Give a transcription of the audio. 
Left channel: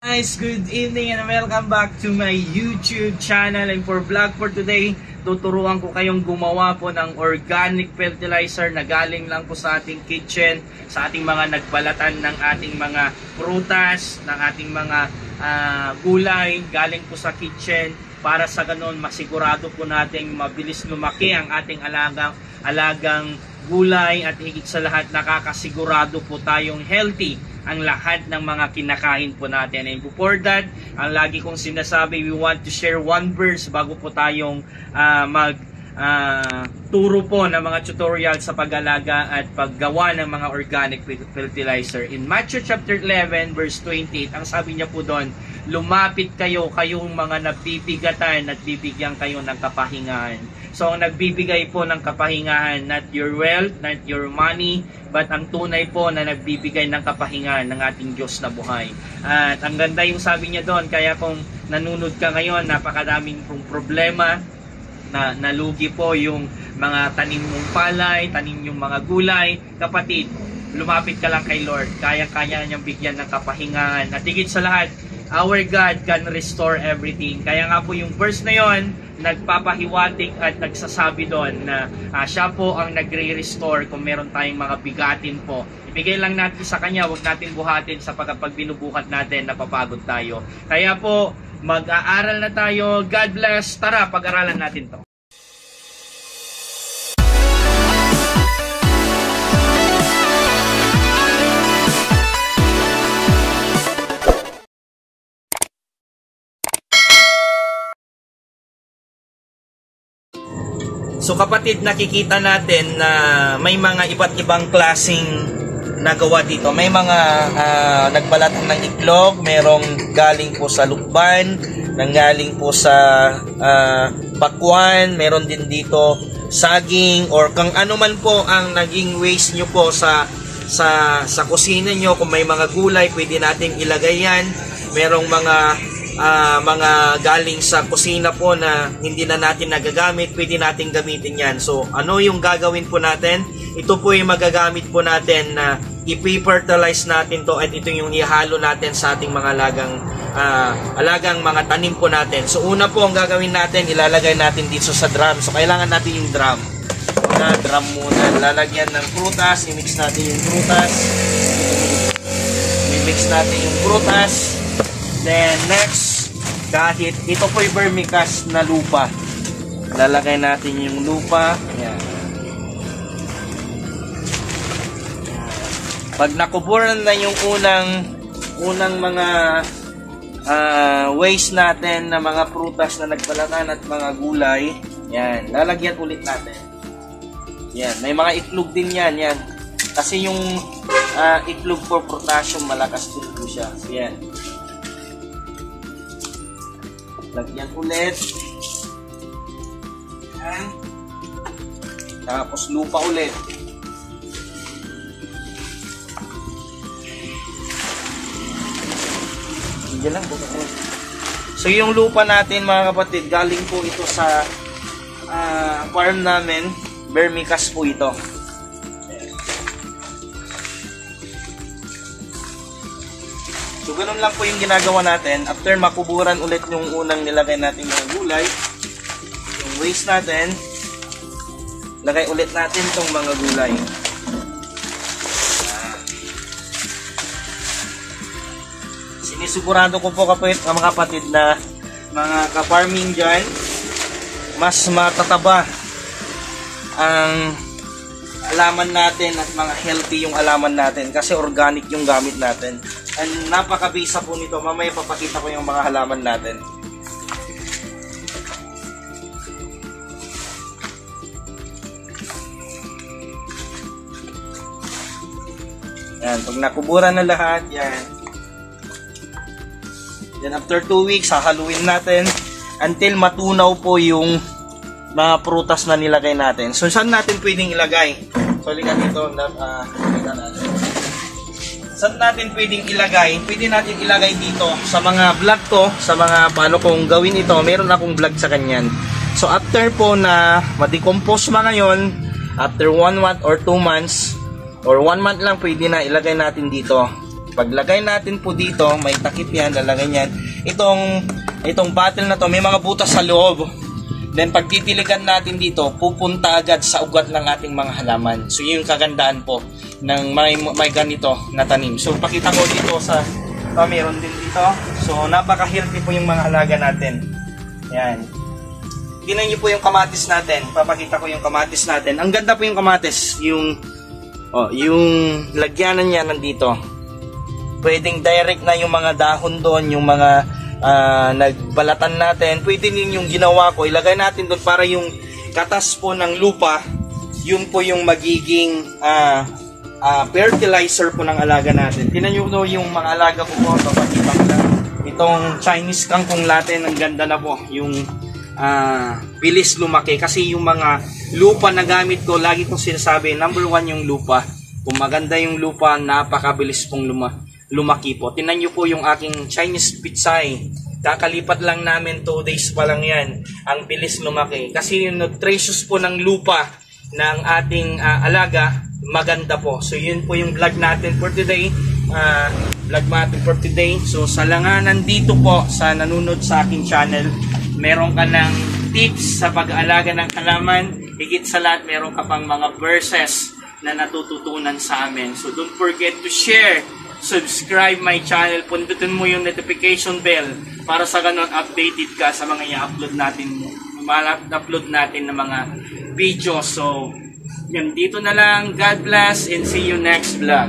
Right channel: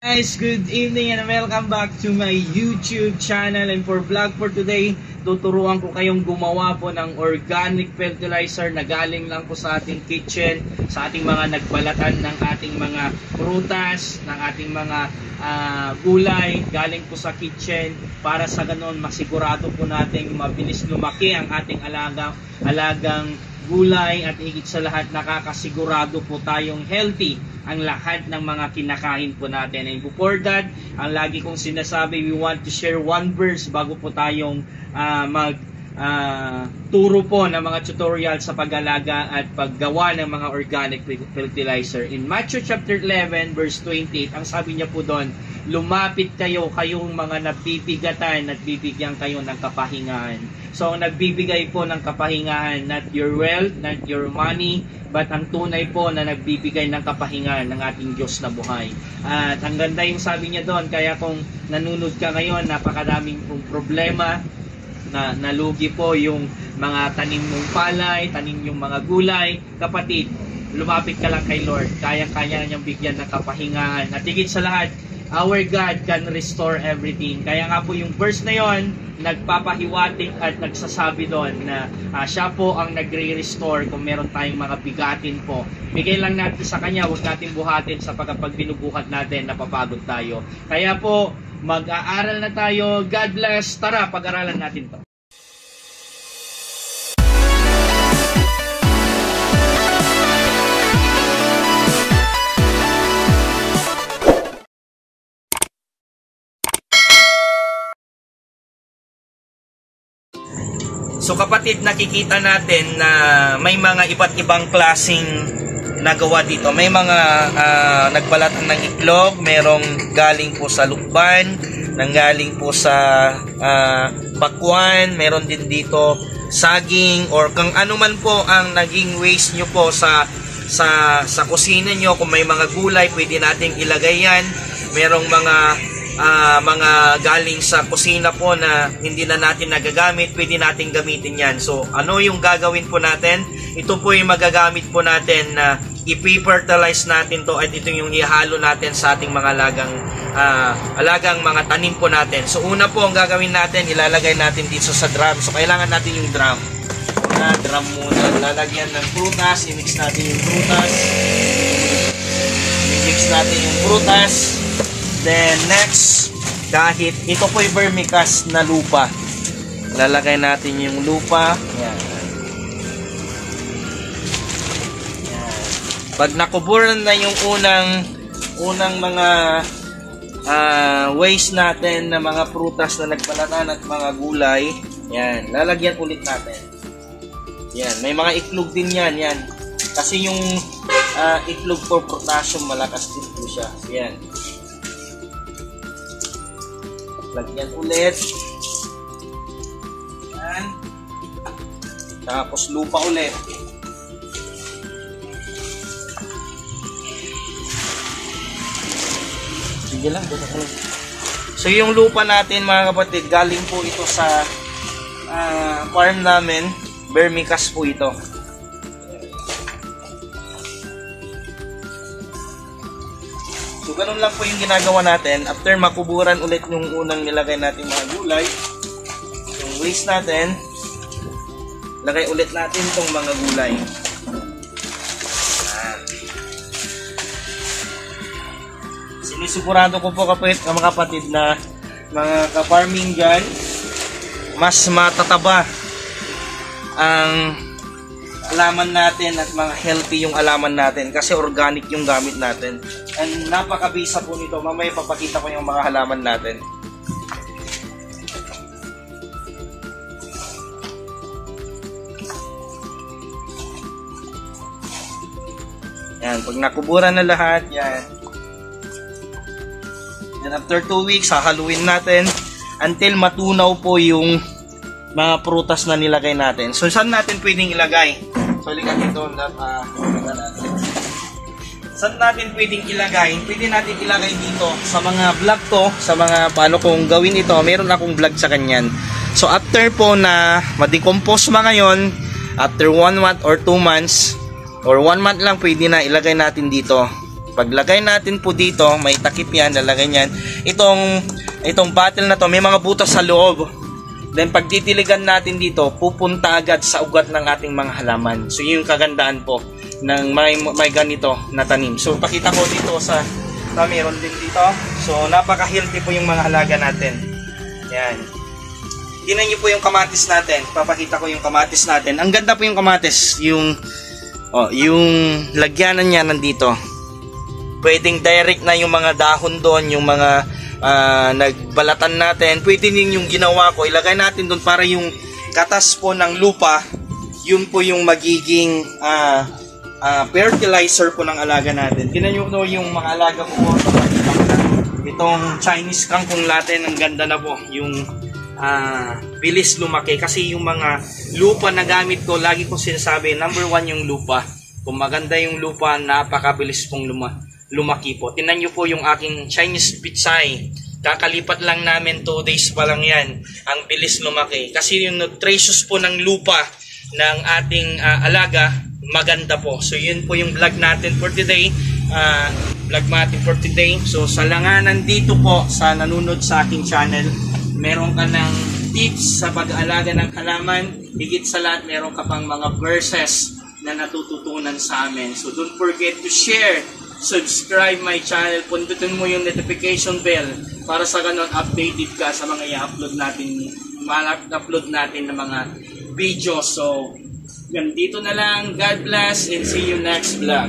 Guys, good evening and welcome back to my YouTube channel. And for vlog for today, tuturuan ko kayong gumawa po ng organic fertilizer na galing lang po sa ating kitchen, sa ating mga nagbalatan ng ating mga prutas, ng ating mga gulay, galing po sa kitchen, para sa ganon masigurado po nating mabilis lumaki ang ating alagang gulay, at higit sa lahat nakakasigurado po tayong healthy ang lahat ng mga kinakain po natin. And before that, ang lagi kong sinasabi, we want to share one verse bago po tayong turo po ng mga tutorial sa pag-alaga at paggawa ng mga organic fertilizer. In Matthew chapter 11 verse 28, ang sabi niya po doon, lumapit kayong mga nabibigatan at bibigyan kayo ng kapahingahan. So ang nagbibigay po ng kapahingahan, not your wealth, not your money, but ang tunay po na nagbibigay ng kapahingahan ng ating Diyos na buhay. At ang ganda yung sabi niya doon, kaya kung nanunod ka ngayon, napakadaming problema, na nalugi po yung mga tanim mong palay, tanim yung mga gulay. Kapatid, lumapit ka lang kay Lord. Kaya-kaya niyang bigyan ng kapahingahan. At higit sa lahat, our God can restore everything. Kaya nga po yung verse na yon, nagpapahiwatig at nagsasabi doon na siya po ang nagre-restore kung meron tayong mga bigatin po. Bigay lang natin sa Kanya, huwag natin buhatin sa pag binubuhat natin, napapagod tayo. Kaya po, mag-aaral na tayo. God bless. Tara, pag-aralan natin to. So kapatid, nakikita natin na may mga iba't ibang klaseng nagawa dito. May mga nagbalatan ng itlog, merong galing po sa lukban, nanggaling po sa bakwan, meron din dito saging, or kung ano man po ang naging waste nyo po sa kusina nyo. Kung may mga gulay, pwede nating ilagay yan. Merong mga galing sa kusina po na hindi na natin nagagamit, pwede natin gamitin yan. So ano yung gagawin po natin? Ito po yung magagamit po natin na i-fertilize natin to, at ito yung ihalo natin sa ating mga alagang mga tanim po natin. So una po ang gagawin natin, ilalagay natin dito sa drum. So kailangan natin yung drum. Drum muna, lalagyan ng prutas, i-mix natin yung prutas. I-mix natin yung prutas. Then next, kahit ito po yung vermicast na lupa, lalagay natin yung lupa. Yan. Pag nakuburan na yung unang mga waste natin na mga prutas na nagbalatan at mga gulay, yan, lalagyan ulit natin. Yan, may mga itlog din yan. Kasi yung itlog for potassium, malakas din po siya. Yan. Lagyan ulit. Yan. Tapos lupa ulit. Sige lang. So yung lupa natin mga kapatid, galing po ito sa farm namin. Vermicast po ito. So ganun lang po yung ginagawa natin. After makuburan ulit yung unang nilagay natin mga gulay, yung waste natin, lagay ulit natin itong mga gulay. Sinisigurado ko po mga kapatid na mga ka-farming dyan, mas matataba ang alaman natin at mga healthy yung alaman natin kasi organic yung gamit natin. And napakabisa po nito. Mamaya papakita ko yung mga halaman natin. Yan, pag nakuburan na lahat, yan. Then after 2 weeks, hahaluin natin until matunaw po yung mga prutas na nilagay natin. So saan natin pwedeng ilagay? So likat dito, saan natin pwedeng ilagay? Pwede natin ilagay dito sa mga vlog to, sa mga paano kong gawin ito. Meron akong vlog sa kanyan. So after po na ma-decompose mga ngayon, after 1 month or 2 months or 1 month lang, pwede na ilagay natin dito Paglagay natin po dito, may takip yan, lalagay yan. Itong bottle na to, may mga butas sa loob. Then pag titiligan natin dito, pupunta agad sa ugat ng ating mga halaman. So yun yung kagandaan po ng may ganito na tanim. So pakita ko dito meron din dito. So napaka-healthy po yung mga halaga natin. Yan. Tingnan niyo po yung kamatis natin. Papakita ko yung kamatis natin. Ang ganda po yung kamatis. Yung lagyanan niya nandito. Pwedeng direct na yung mga dahon doon, yung mga nagbalatan natin. Pwede din yung ginawa ko, ilagay natin doon para yung katas po ng lupa, yun po yung magiging fertilizer po ng alaga natin. Tingnan nyo po yung mga alaga ko po. Itong Chinese kangkong natin, ang ganda na po. Yung bilis lumaki. Kasi yung mga lupa na gamit ko, lagi ko sinasabi, number 1 yung lupa. Kung maganda yung lupa, napakabilis pong lumaki po. Tingnan nyo po yung aking Chinese pitsay. Kakalipat lang namin 2 days pa lang yan. Ang bilis lumaki. Kasi yung nutritious po ng lupa ng ating alaga, maganda po. So yun po yung vlog natin for today. So sa langanan dito po, sa nanunod sa aking channel, meron ka ng tips sa pag-aalaga ng halaman. Higit sa lahat, meron ka pang mga verses na natututunan sa amin. So don't forget to share, subscribe my channel, pundutin mo yung notification bell para sa ganun updated ka sa mga i-upload natin ng mga video. So yan, dito na lang. God bless and see you next vlog.